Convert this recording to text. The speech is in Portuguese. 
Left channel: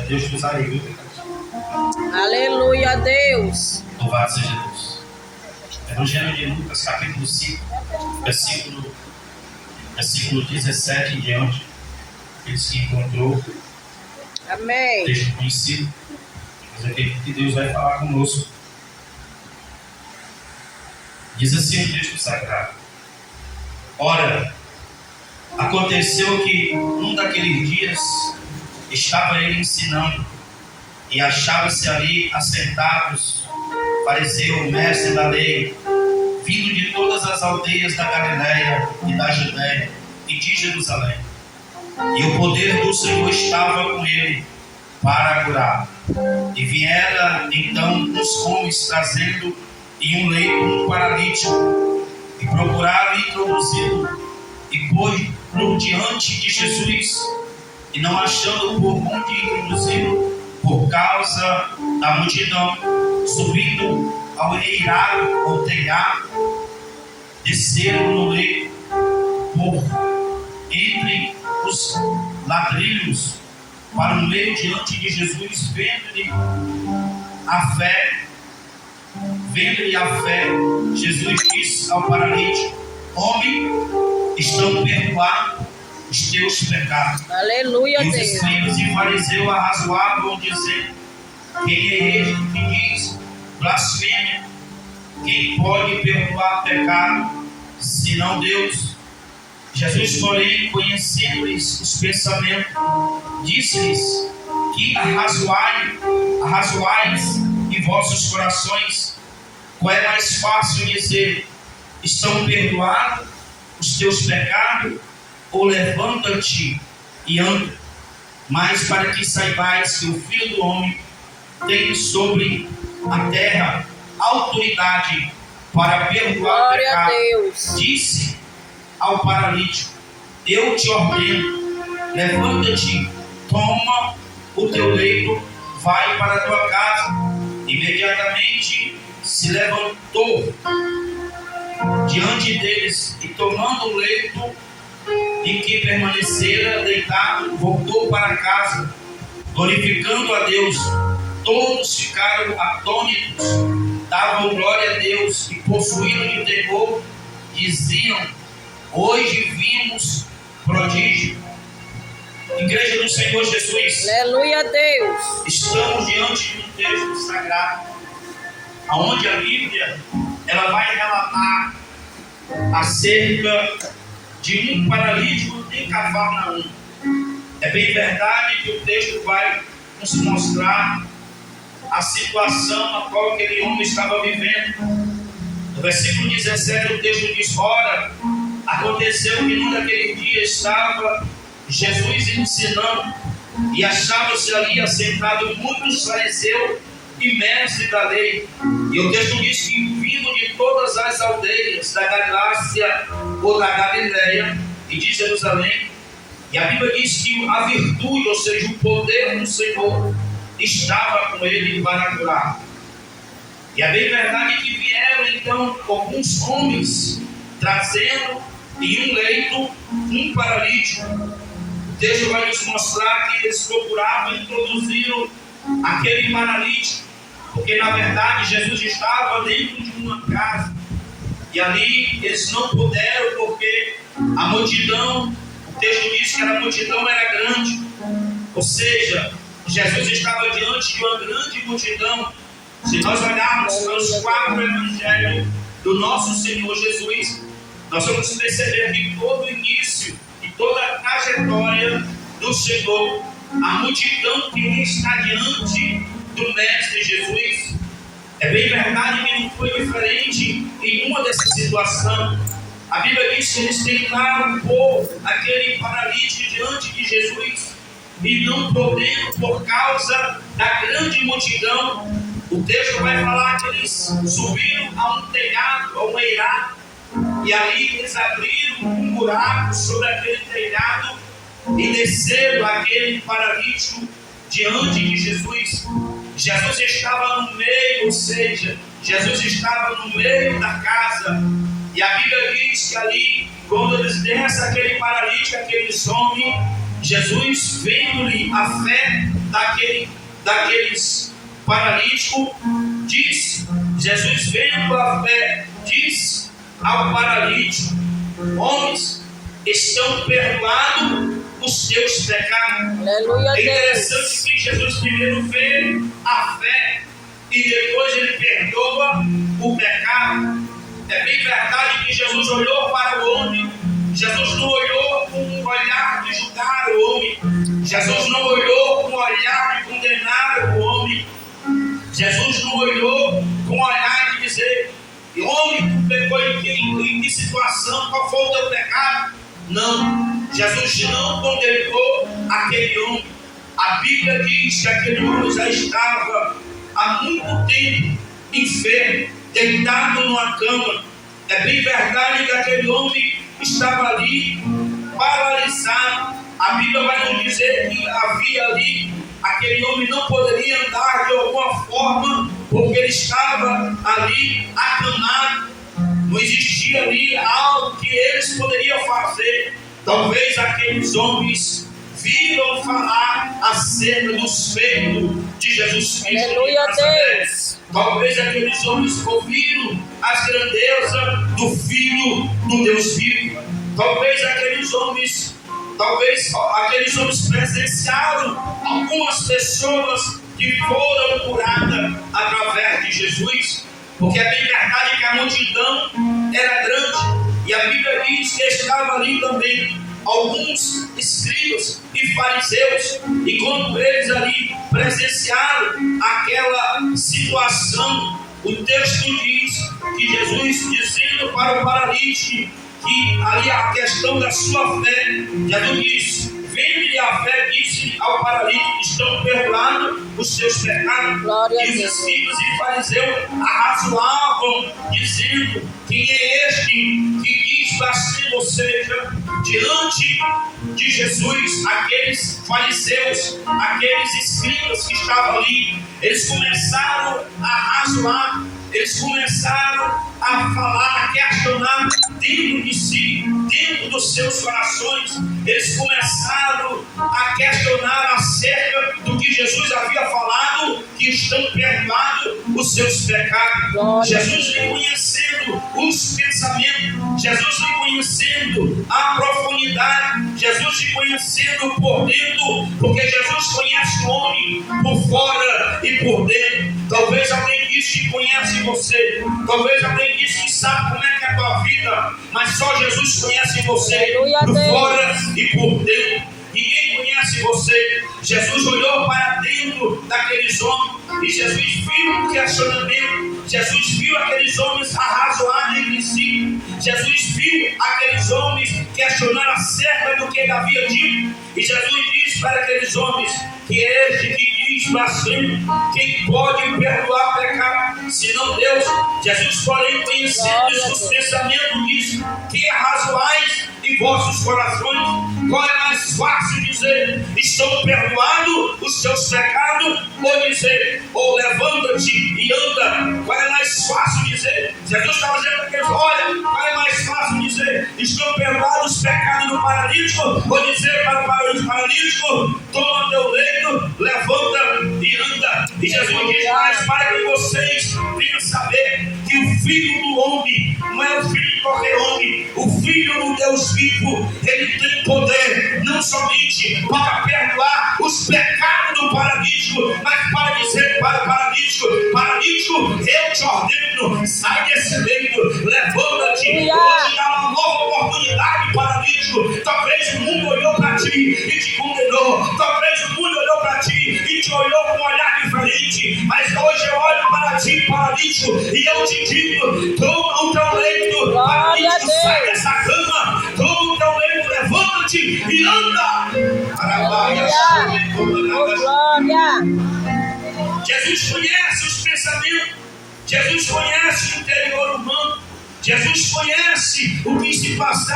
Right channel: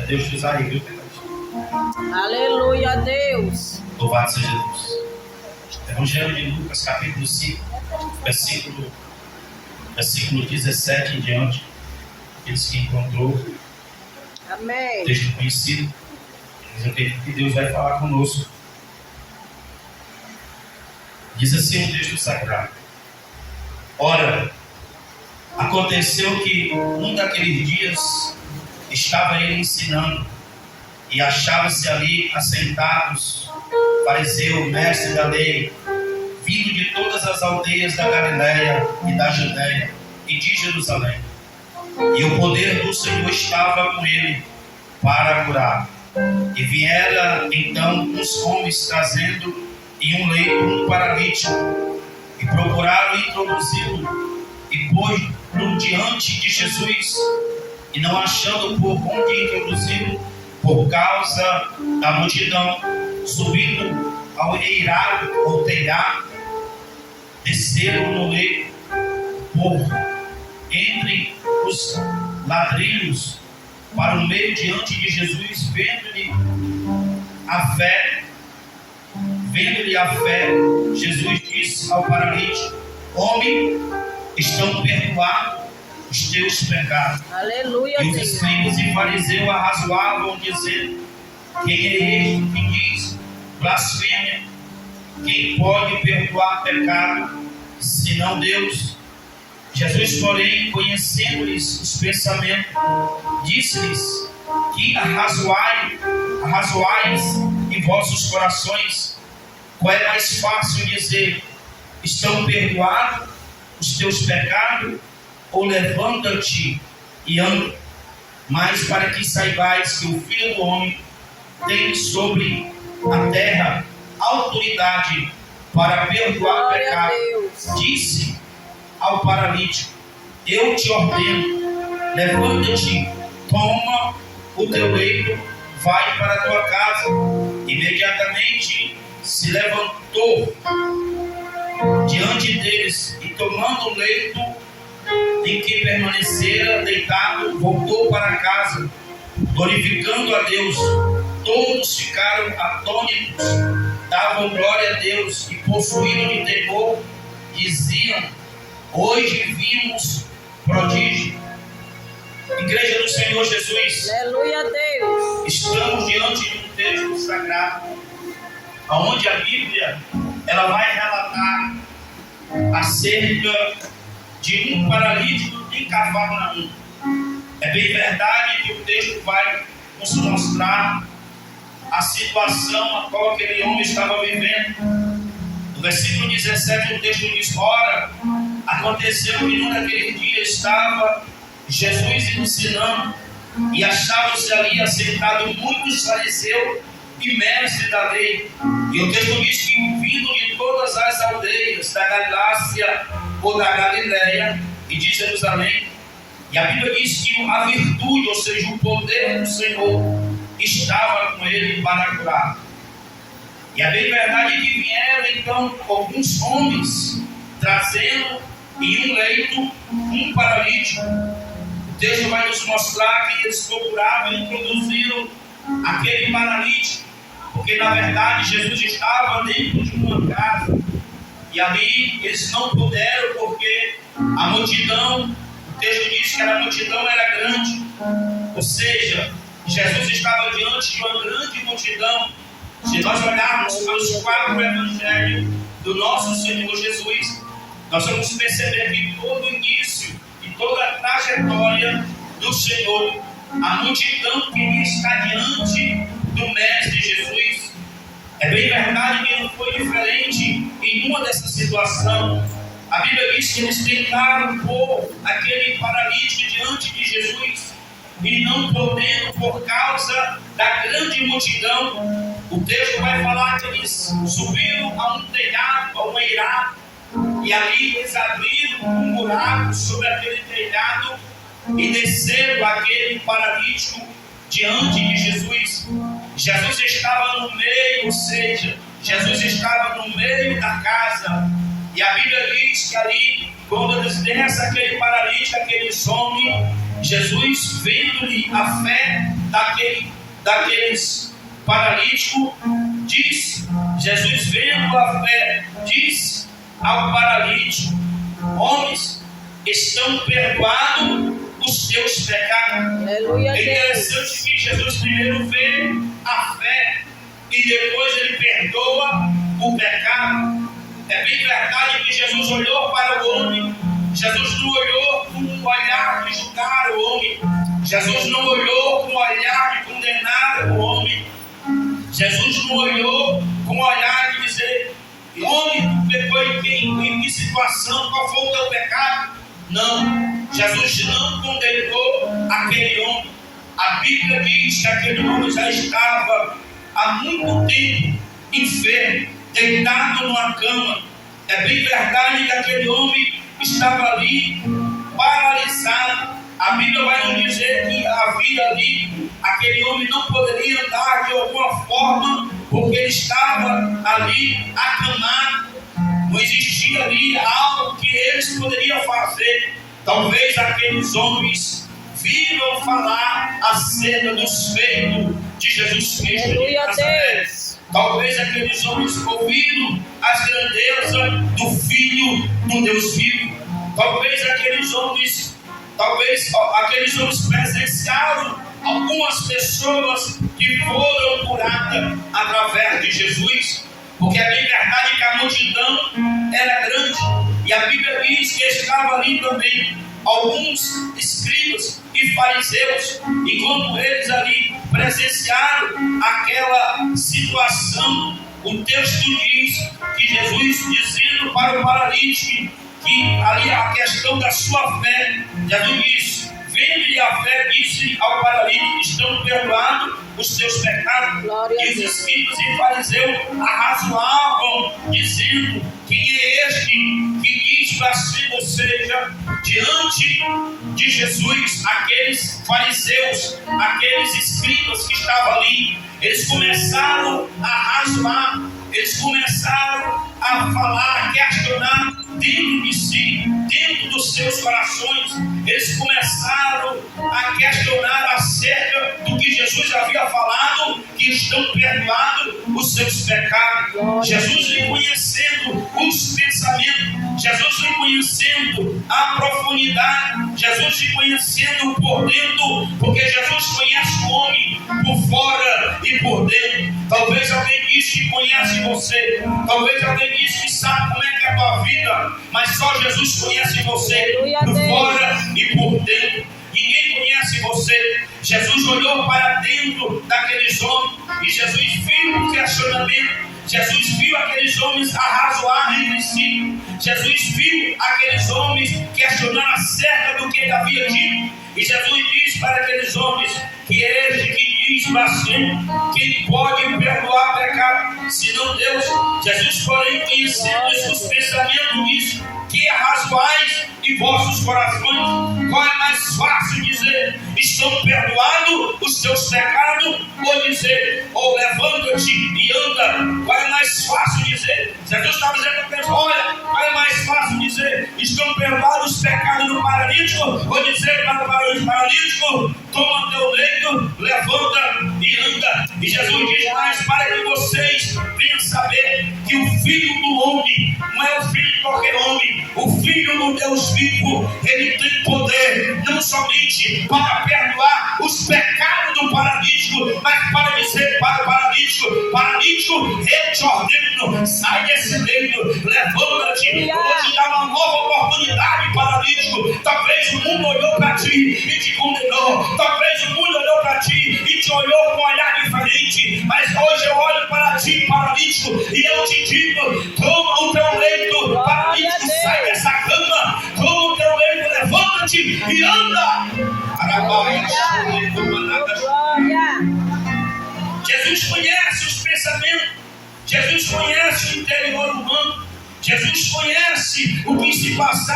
É Deus te usar aí, viu, pecadinho? Aleluia, Deus. Louvado seja Deus. Evangelho de Lucas, capítulo 5, versículo 17 em diante. Aqueles que encontrou, Amém. texto conhecido, mas eu acredito que Deus vai falar conosco. Diz assim o texto sagrado: ora, aconteceu que num daqueles dias estava ele ensinando, e achava-se ali assentados fariseu, mestre da lei, vindo de todas as aldeias da Galiléia e da Judéia e de Jerusalém. E o poder do Senhor estava com ele para curar. E viera então uns homens trazendo em um leito um paralítico, e procuraram introduzi-lo, e pôs-lo diante de Jesus, e não achando por onde introduzi-lo, por causa da multidão, subindo ao eirado ou telhado, desceram no leito por entre os ladrilhos para o meio diante de Jesus, vendo-lhe a fé, Jesus disse ao paralítico: homem, estão perdoados os teus pecados. Aleluia, E os Deus. escribas e fariseus arrazoavam, dizendo: quem é este que diz blasfêmia? Quem pode perdoar pecado, senão Deus? Jesus, porém, conhecendo-lhes os pensamentos, disse-lhes: que arrazoais em vossos corações? Qual é mais fácil dizer: estão perdoados os teus pecados, ou levanta-te e anda? Mas para que saibais que o Filho do Homem tem sobre a terra autoridade para perdoar o pecado, disse ao paralítico: eu te ordeno, levanta-te, toma o teu leito, vai para a tua casa. Imediatamente se levantou diante deles, e tomando o leito em que permanecera deitado, voltou para casa, glorificando a Deus. Todos ficaram atônitos, davam glória a Deus, e possuíram de temor, diziam: hoje vimos prodígio. Igreja do Senhor Jesus, Aleluia, Deus. estamos diante de um texto sagrado, onde a Bíblia ela vai relatar acerca de um paralítico em Cafarnaum. É bem verdade que o texto vai nos mostrar a situação a qual aquele homem estava vivendo. No versículo 17 o texto diz: ora, aconteceu que num daquele dia estava Jesus ensinando, e achava-se ali assentado muitos fariseus e mestres da lei. E o texto diz que, vindo de todas as aldeias da Galácia ou da Galiléia e de Jerusalém, e a Bíblia diz que a virtude, ou seja, o poder do Senhor, estava com ele para curar. E é bem verdade que vieram então alguns homens trazendo em um leito um paralítico. O texto vai nos mostrar que eles procuravam e introduziram aquele paralítico, porque na verdade Jesus estava dentro de uma casa, e ali eles não puderam, porque a multidão, o texto diz que a multidão era grande, ou seja, Jesus estava diante de uma grande multidão. Se nós olharmos para os 4 evangelhos do nosso Senhor Jesus, nós vamos perceber que todo o início e toda a trajetória do Senhor, a multidão queria estar diante do Mestre Jesus. É bem verdade que não foi diferente em uma dessa situação. A Bíblia diz que eles tentaram pôr aquele paralítico diante de Jesus, e não podendo, por causa da grande multidão, o texto vai falar que eles subiram a um telhado, a um eirado, e ali eles abriram um buraco sobre aquele telhado e desceram aquele paralítico diante de Jesus. Jesus estava no meio, ou seja, Jesus estava no meio da casa, e a Bíblia diz que ali, quando eles descem aquele paralítico, aquele homem, Jesus, vendo-lhe a fé, daqueles paralíticos, Jesus vendo a fé, disse ao paralítico: homens, estão perdoados os teus pecados. Aleluia, É interessante Deus. que Jesus primeiro vê a fé e depois ele perdoa o pecado. É bem verdade que Jesus olhou para o homem. Jesus não olhou com um olhar de julgar o homem. Jesus não olhou com um olhar de condenar o homem. Jesus não olhou com um olhar de dizer: homem, tu pecou em que situação? Qual foi o teu pecado? Não. Jesus não condenou aquele homem. A Bíblia diz que aquele homem já estava há muito tempo enfermo, deitado numa cama. É bem verdade que aquele homem estava ali paralisado. A Bíblia vai nos dizer que havia ali, aquele homem não poderia andar de alguma forma, porque ele estava ali acamado. Não existia ali algo que eles poderiam fazer. Talvez aqueles homens viram falar acerca dos feitos de Jesus Cristo. Aleluia, Deus. Talvez aqueles homens ouviram as grandezas do Filho do Deus vivo. Talvez aqueles homens presenciaram algumas pessoas que foram curadas através de Jesus. Porque é bem verdade que a multidão era grande. E a Bíblia diz que estava ali também alguns escribas e fariseus. E quando eles ali presenciaram aquela situação, o texto diz que Jesus, dizendo para o paralítico que ali a questão da sua fé, Jesus disse: vende a fé, disse ao paralítico: estão perdoados os teus pecados. Glória E os escribas e fariseus arrazoavam, dizendo: quem é este que diz blasfemo? Ou seja, diante de Jesus, aqueles fariseus, aqueles escribas que estavam ali, eles começaram a arrazoar, eles começaram a falar, a questionar dentro de si, dentro dos seus corações. Eles começaram a questionar acerca do que Jesus havia falado, que estão perdoados os seus pecados. Glória. Jesus reconhecendo os pensamentos, Jesus reconhecendo a profundidade, Jesus reconhecendo por dentro, porque Jesus conhece o homem por fora e por dentro. Talvez alguém disse que conhece você, talvez alguém disse que sabe como é que é a tua vida, mas só Jesus conhece você. Aleluia, por Deus. fora e por dentro. Ninguém conhece você. Jesus olhou para dentro daqueles homens e Jesus viu o questionamento. Jesus viu aqueles homens arrazoar entre si. Jesus viu aqueles homens questionar acerca do que ele havia dito. E Jesus disse para aqueles homens: que é este que diz blasfemo? Quem pode perdoar pecado senão Deus? Jesus, porém, conhecendo os pensamentos, disse: que arrazoais em vossos corações? Qual é mais fácil dizer: estão perdoados os teus pecados? Ou dizer: ou levanta-te e anda? Qual é mais fácil dizer? Jesus estava dizendo para eles: olha, qual é mais fácil dizer: estão perdoados os pecados do paralítico? Ou dizer para o paralítico: toma teu leito, levanta e anda? E Jesus diz mais: para que vocês venham saber que o Filho do Homem não é o filho de qualquer homem. O Filho do Deus vivo, ele tem poder não somente para perdoar os pecados do paralítico, mas para dizer para o paralítico: paralítico, eu te ordeno, sai desse leito, levanta-te. Hoje dá uma nova oportunidade, paralítico. Talvez o mundo olhou para ti e te condenou, talvez o mundo olhou para ti e te olhou com um olhar diferente, mas hoje eu olho para ti, paralítico, e eu te digo: toma o teu leito, paralítico, sai dessa cama, toma o teu leito, levanta-te e anda. Glória. Jesus conhece os pensamentos, Jesus conhece o interior humano, Jesus conhece o que se passa.